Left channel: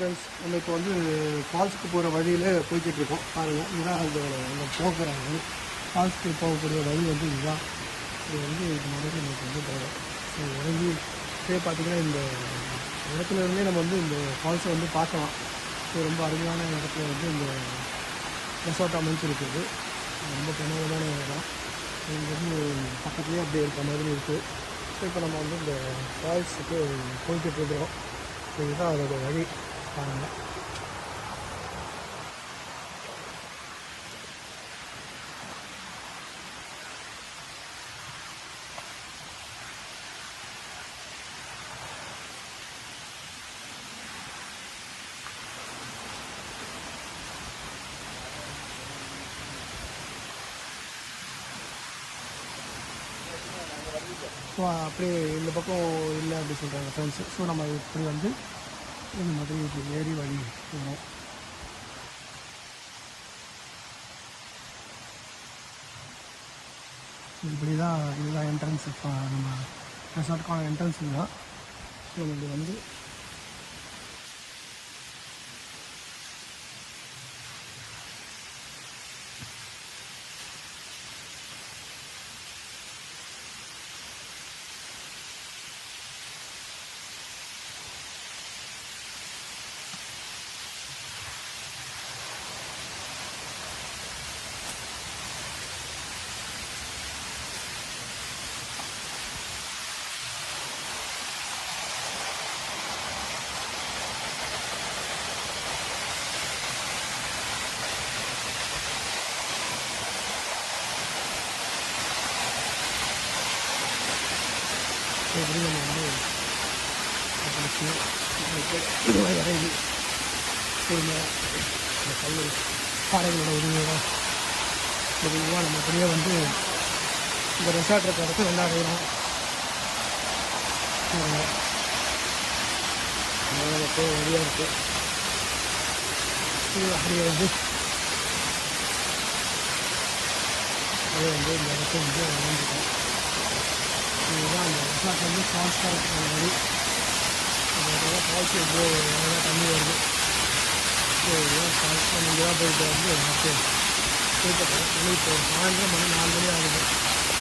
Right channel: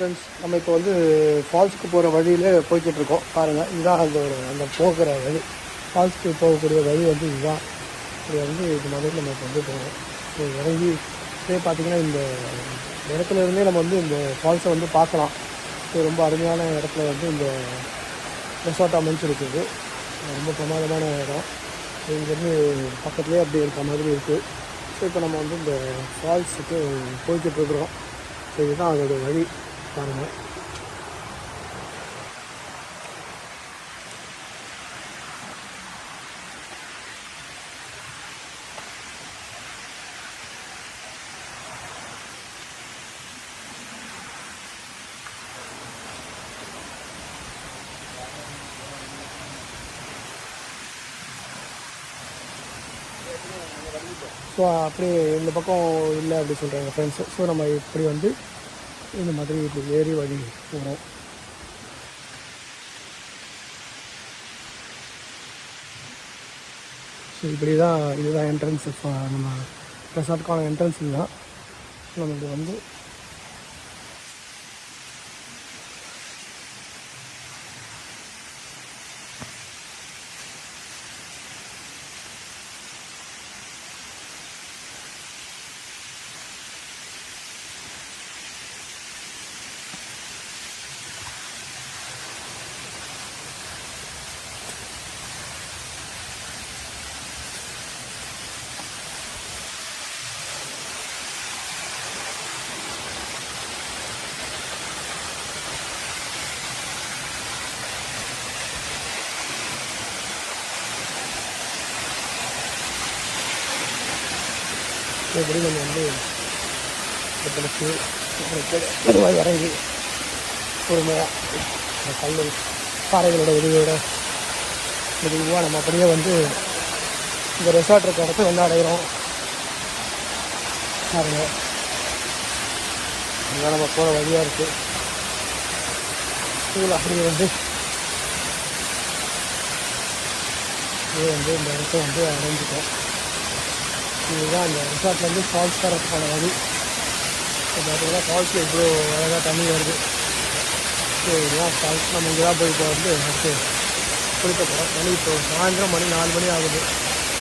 Friends, நம்ம இப்போ வந்து ஃபால்ஸ்க்கு போகிற வழியில் போய்கிட்டு இருக்கோம். பாருங்கள், இதுதான் அந்த போகிற வழி. ஃபால்ஸ்க்கு போகக்கூடிய வழி வந்து இதுதான். இது வந்து இது மாதிரி நம்ம இப்போ வந்து போகணும். ஸோ இறங்கி பார்த்திங்கன்னா இந்த இடத்துல இருந்தே நம்ம வந்து இந்த ஃபால்ஸை வந்து பார்க்கலாம். ஸோ ரொம்ப அருமையான இடத்துல வந்து இந்த ரெசார்ட் அமைஞ்சிருக்குது. ரொம்ப பிரமாதமான இடம். ஸோ இங்கேருந்து பக்கத்துலேயே அப்படி இருக்கிற மாதிரி இருக்குது. ஸோ இப்போ நம்ம வந்து இந்த ஃபால்ஸுக்கு போய்கிட்டு இருக்கிறோம். ஸோ இதுதான் அதோட வழி. பாருங்கள், ஸோ அப்படி இந்த பக்கம் இல்லை அப்படி சொல்கிறாங்க ஃப்ரெண்ட்ஸு. ஸோ நம்ம இப்படி வந்து இந்த மாதிரி இப்படி ஏறி வழி போகிறோம். ஸோ இப்படி தான் இதுதான் என்ட்ரன்ஸு. நம்ம ரெசார்ட்டுக்கான என்ட்ரன்ஸ் இதுதான். நம்மளுக்கு வந்து எப்படி நம்ம வந்து மெதுவாக இறங்கி பொறுமையாக கல் பாறைகளோட உதவியோட மெதுவாக நம்ம அப்படியே வந்து இந்த ரெசார்ட் இருக்க இடத்த வந்து அடைகிறோம். பாருங்க, அங்கே நம்ம போகிற வழியாக இருக்குது. இதில் அப்படியே வந்து இந்த இடத்த வந்து அடைஞ்சிட்டோம். இதுதான் இந்த ரெசார்ட்லேருந்து ஃபால்ஸ் தரத்துக்கான வழி. பார்த்தீங்கன்னா ஃபால்ஸ் எவ்வளோ அழகாக தண்ணி வருது. ஸோ இதுதான் ஃபால்ஸ். நம்ம இங்கே தான் போய் இப்போ வந்து ஃபஸ்ட்டு போயிட்டு தண்ணி இப்போ சாயந்தரம் 4 மணி ஆகுது.